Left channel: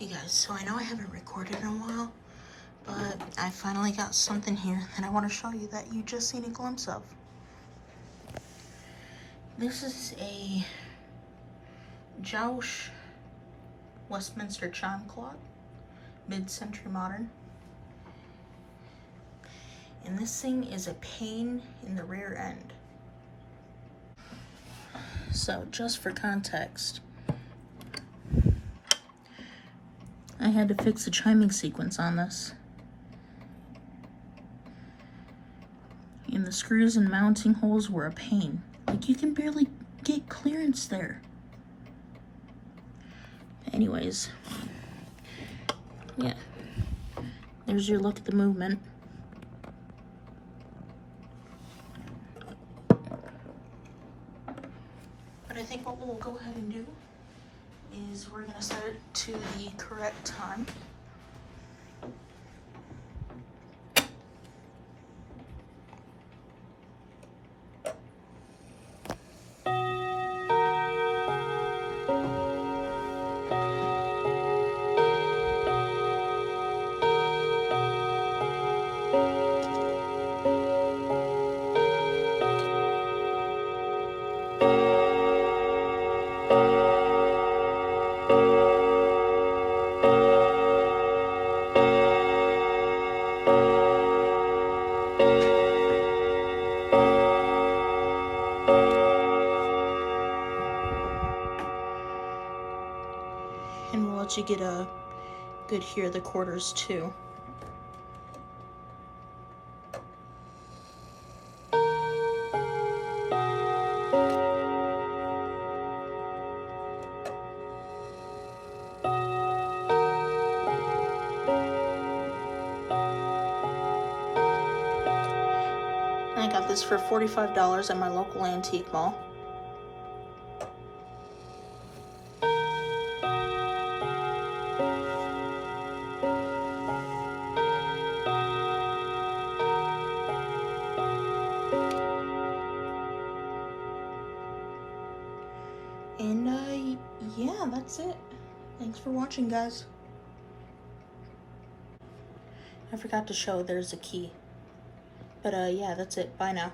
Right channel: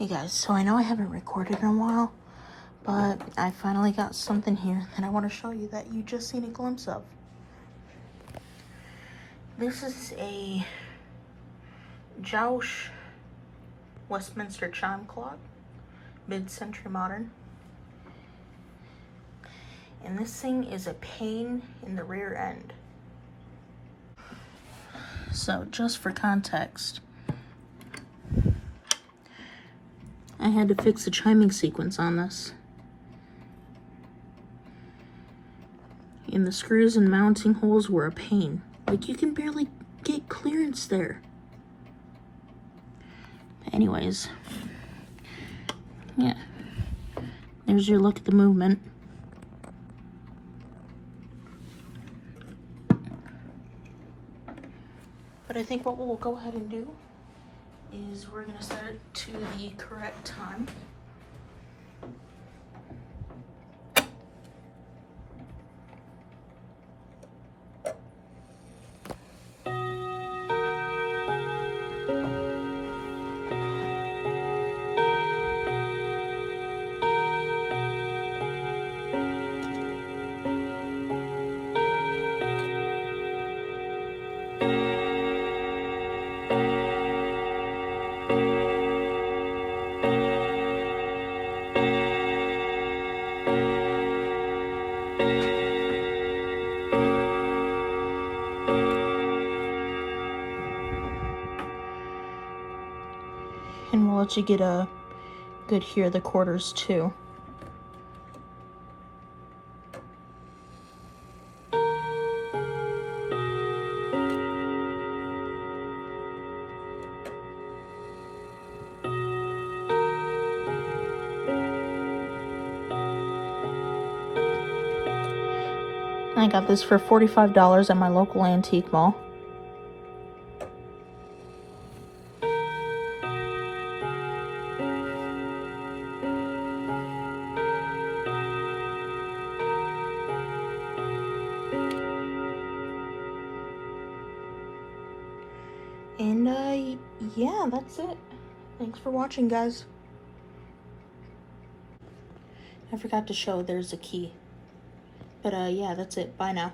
Hey guys, so I know I haven't recorded in a while, but I finally got something here that I want to show you that you just seen a glimpse of. This is a Jauch Westminster chime clock, mid-century modern. And this thing is a pain in the rear end. So just for context, I had to fix the chiming sequence on this. And the screws and mounting holes were a pain. Like, you can barely get clearance there. Anyways, yeah, there's your look at the movement. But I think what we'll go ahead and do is we're gonna set it to the correct time. And we'll let you get a good hear of the quarters too. I got this for $45 at my local antique mall. And yeah, that's it. Thanks for watching, guys. I forgot to show there's a key. But yeah, that's it. Bye now.